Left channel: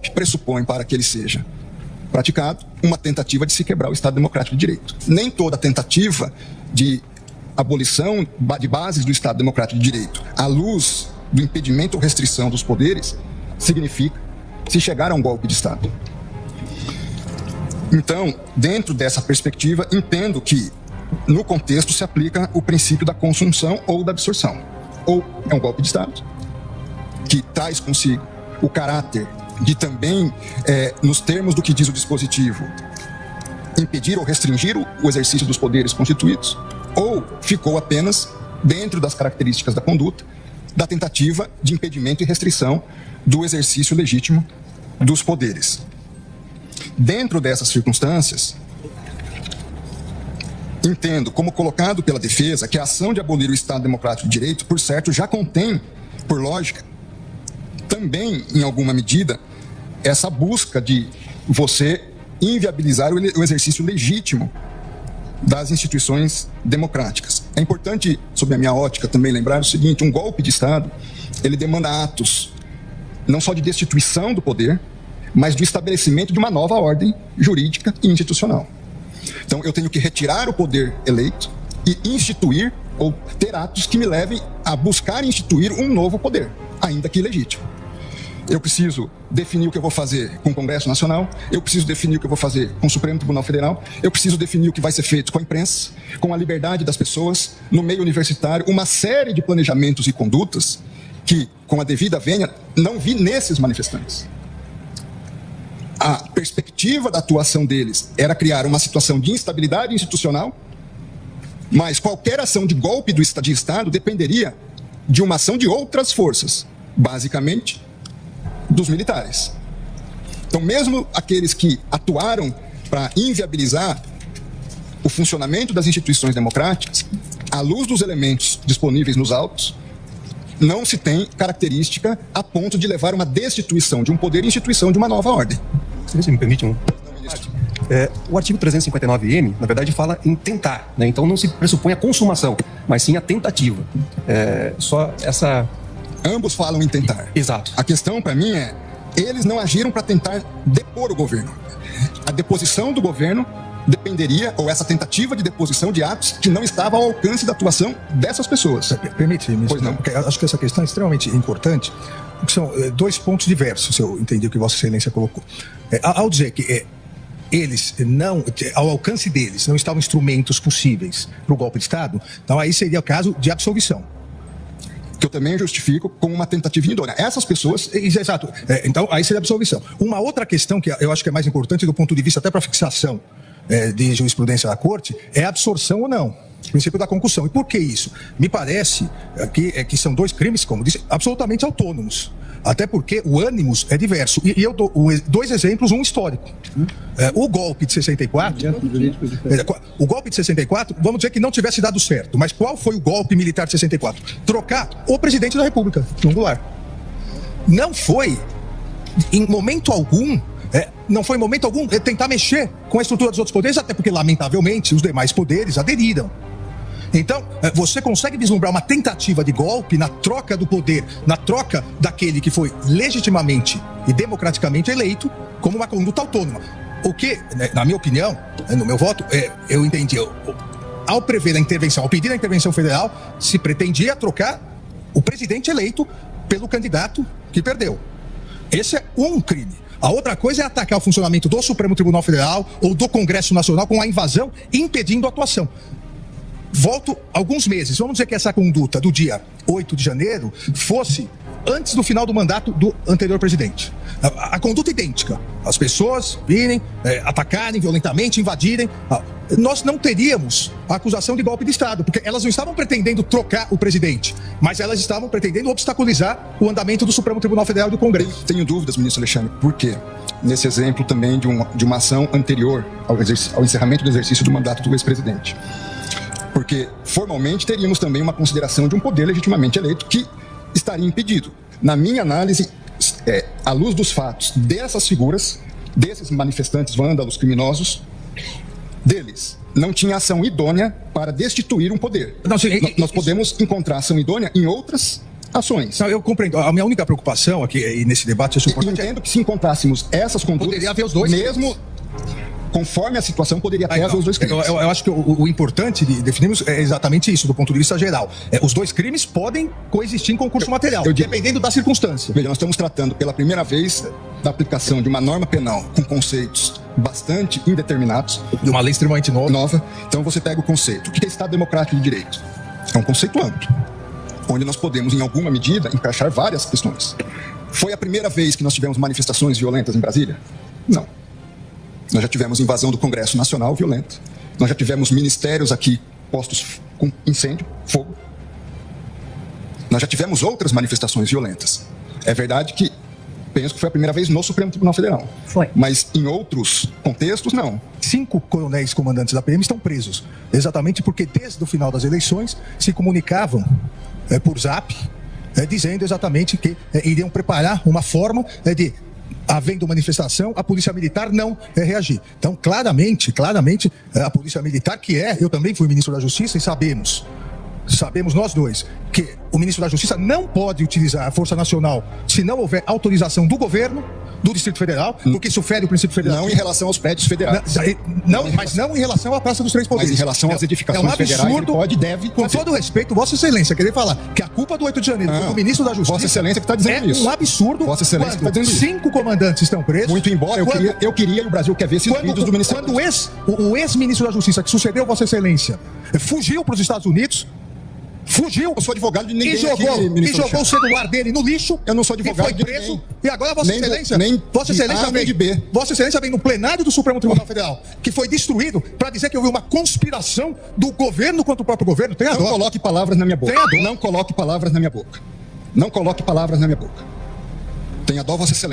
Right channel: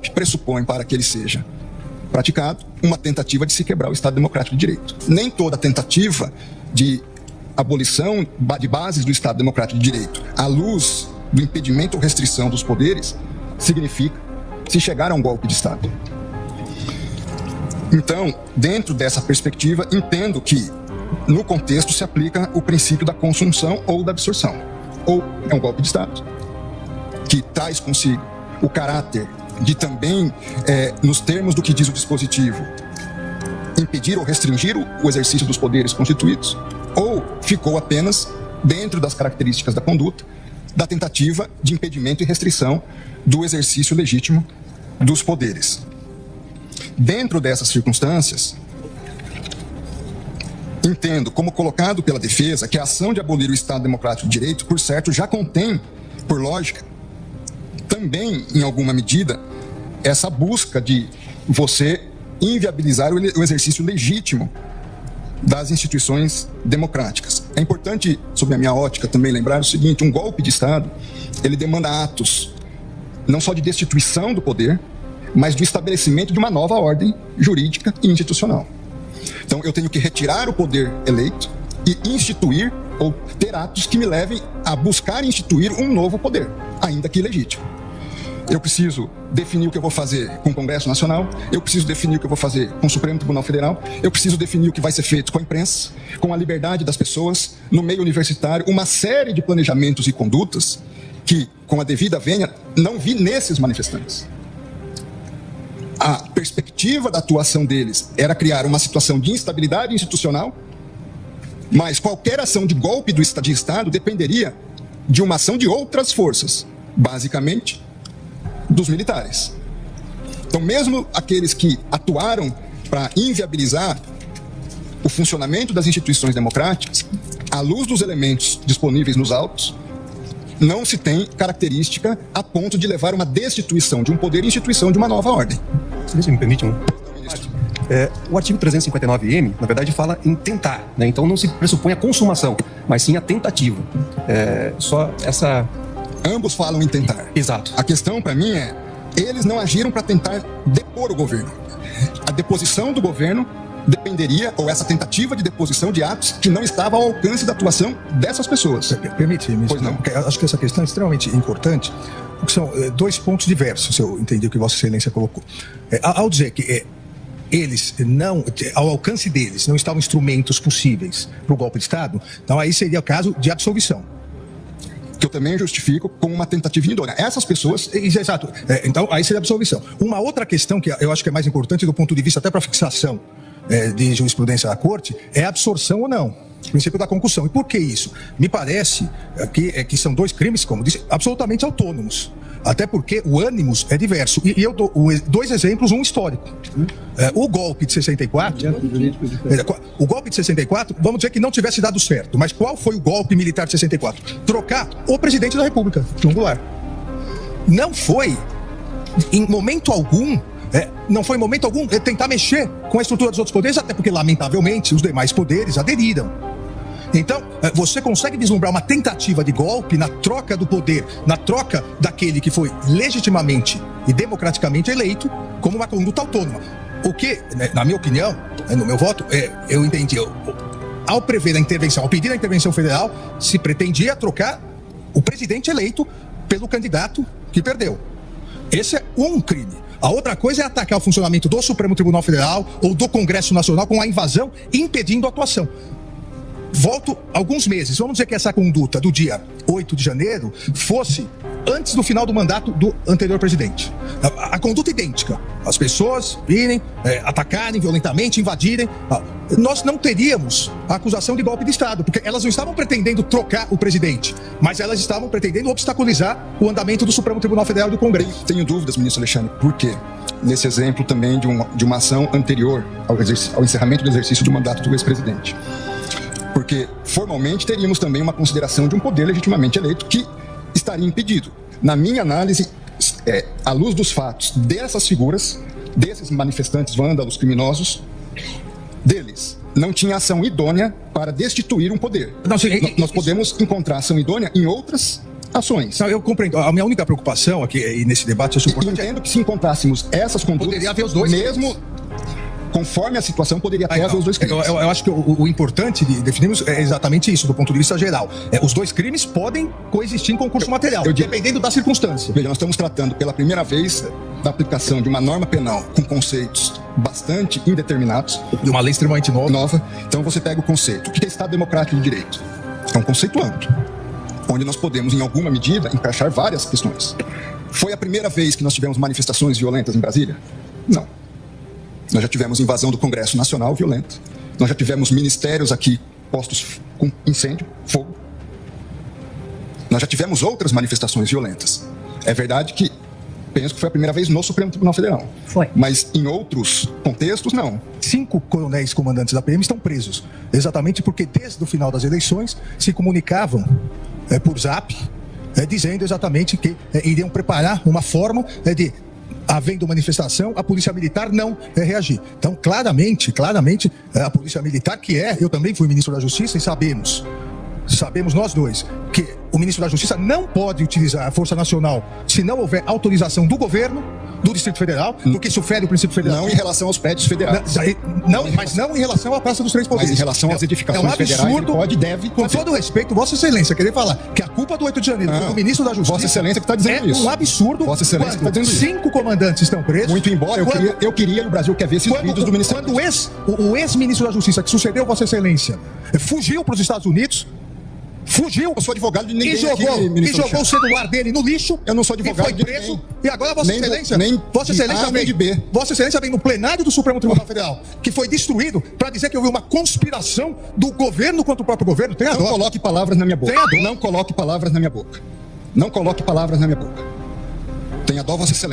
golpe pressupõe, para que ele seja praticado, uma tentativa de se quebrar o Estado Democrático de Direito. Nem toda tentativa de abolição de bases do Estado Democrático de Direito, à luz do impedimento ou restrição dos poderes, significa se chegar a um golpe de Estado. Então, dentro dessa perspectiva, entendo que, no contexto, se aplica o princípio da consunção ou da absorção. Ou é um golpe de Estado, que traz consigo o caráter de também, nos termos do que diz o dispositivo, impedir ou restringir o exercício dos poderes constituídos, ou ficou apenas, dentro das características da conduta, da tentativa de impedimento e restrição do exercício legítimo dos poderes. Dentro dessas circunstâncias, entendo, como colocado pela defesa, que a ação de abolir o Estado Democrático de Direito, por certo, já contém, por lógica, também, em alguma medida, essa busca de você inviabilizar o exercício legítimo das instituições democráticas. É importante, sob a minha ótica, também lembrar o seguinte: um golpe de Estado, ele demanda atos não só de destituição do poder, mas de estabelecimento de uma nova ordem jurídica e institucional. Então, eu tenho que retirar o poder eleito e instituir, ou ter atos que me levem a buscar instituir um novo poder, ainda que ilegítimo. Eu preciso definir o que eu vou fazer com o Congresso Nacional, eu preciso definir o que eu vou fazer com o Supremo Tribunal Federal, eu preciso definir o que vai ser feito com a imprensa, com a liberdade das pessoas, no meio universitário, uma série de planejamentos e condutas que, com a devida vênia, não vi nesses manifestantes. A perspectiva da atuação deles era criar uma situação de instabilidade institucional, mas qualquer ação de golpe de Estado dependeria de uma ação de outras forças, basicamente dos militares. Então, mesmo aqueles que atuaram para inviabilizar o funcionamento das instituições democráticas, à luz dos elementos disponíveis nos autos, não se tem característica a ponto de levar uma destituição de um poder e instituição de uma nova ordem. Se você me permite o artigo 359-M, na verdade, fala em tentar, né? Então não se pressupõe a consumação, mas sim a tentativa. Ambos falam em tentar. Exato. A questão, para mim, é: eles não agiram para tentar depor o governo. A deposição do governo dependeria, ou essa tentativa de deposição de atos que não estavam ao alcance da atuação dessas pessoas. Permite, porque eu acho que essa questão é extremamente importante, porque são dois pontos diversos, se eu entendi o que Vossa Excelência colocou. Ao dizer que eles não, ao alcance deles, não estavam instrumentos possíveis para o golpe de Estado, então aí seria o caso de absolvição. Que eu também justifico como uma tentativa indônia. Essas pessoas... Exato. Então, aí seria a absolvição. Uma outra questão que eu acho que é mais importante do ponto de vista até para fixação de jurisprudência da Corte é a absorção ou não. O princípio da concussão. E por que isso? Me parece que são dois crimes, como disse, absolutamente autônomos. Até porque o ânimos é diverso. E eu dou dois exemplos, um histórico. O golpe de 64... O golpe de 64, vamos dizer que não tivesse dado certo. Mas qual foi o golpe militar de 64? Trocar o presidente da República, João Goulart. Não foi, em momento algum... não foi em momento algum tentar mexer com a estrutura dos outros poderes, até porque, lamentavelmente, os demais poderes aderiram. Então, você consegue vislumbrar uma tentativa de golpe na troca do poder, na troca daquele que foi legitimamente e democraticamente eleito, como uma conduta autônoma. O que, na minha opinião, no meu voto, eu entendi, ao prever a intervenção, ao pedir a intervenção federal, se pretendia trocar o presidente eleito pelo candidato que perdeu. Esse é um crime. A outra coisa é atacar o funcionamento do Supremo Tribunal Federal ou do Congresso Nacional com a invasão, impedindo a atuação. Volto alguns meses. Vamos dizer que essa conduta do dia 8 de janeiro fosse antes do final do mandato do anterior presidente. A conduta é idêntica. As pessoas virem, atacarem violentamente, invadirem. Nós não teríamos a acusação de golpe de Estado, porque elas não estavam pretendendo trocar o presidente, mas elas estavam pretendendo obstaculizar o andamento do Supremo Tribunal Federal e do Congresso. Tenho dúvidas, ministro Alexandre. Por quê? Nesse exemplo também de uma ação anterior ao encerramento do exercício do mandato do ex-presidente. Porque, formalmente, teríamos também uma consideração de um poder legitimamente eleito que estaria impedido. Na minha análise, à luz dos fatos dessas figuras, desses manifestantes vândalos criminosos, deles não tinha ação idônea para destituir um poder. Nós podemos encontrar ação idônea em outras ações. Não, eu compreendo. A minha única preocupação aqui e nesse debate é E entendo que se encontrássemos essas condutas, Poderia haver os dois mesmo conforme a situação, poderia até haver os dois crimes. eu acho que o importante de definirmos é exatamente isso, do ponto de vista geral. Os dois crimes podem coexistir em concurso material, dependendo da circunstância. Veja, nós estamos tratando pela primeira vez da aplicação de uma norma penal com conceitos bastante indeterminados, De uma lei extremamente nova. Então você pega o conceito. O que é Estado Democrático de Direito? É um conceito amplo, onde nós podemos, em alguma medida, encaixar várias questões. Foi a primeira vez que nós tivemos manifestações violentas em Brasília? Não. Nós já tivemos invasão do Congresso Nacional violenta. Nós já tivemos ministérios aqui postos com incêndio, fogo. Nós já tivemos outras manifestações violentas. É verdade que penso que foi a primeira vez no Supremo Tribunal Federal. Foi. Mas em outros contextos, não. 5 coronéis comandantes da PM estão presos, exatamente porque desde o final das eleições se comunicavam por zap, dizendo exatamente que iriam preparar uma forma de, havendo manifestação, a Polícia Militar não reagir. Então, claramente, a Polícia Militar, que eu também fui ministro da Justiça e sabemos nós dois, que o ministro da Justiça não pode utilizar a Força Nacional se não houver autorização do governo, do Distrito Federal, porque isso fere o princípio federal. Não em relação aos prédios federais. Mas não em relação à Praça dos Três Poderes. Mas em relação às edificações federais, absurdo, pode, deve. Com todo respeito, Vossa Excelência, querer falar que a culpa do 8 de janeiro foi do ministro da Justiça. Vossa Excelência que está dizendo isso. É um absurdo. Vossa Excelência que está dizendo isso. 5 comandantes estão presos. Muito embora, eu queria e o Brasil quer ver esses vídeos do Ministério. Quando o ex-ministro da Justiça, que sucedeu Vossa Excelência, fugiu para os Estados Unidos, eu sou advogado de ninguém e jogou o celular dele no lixo. Eu não sou advogado de ninguém. Preso, e agora Vossa Excelência vem no plenário do Supremo Tribunal Federal, que foi destruído, para dizer que houve uma conspiração do governo contra o próprio governo. Não coloque palavras na minha boca. Não coloque palavras na minha boca. Não coloque palavras na minha boca. Tenha dó, Vossa Excelência.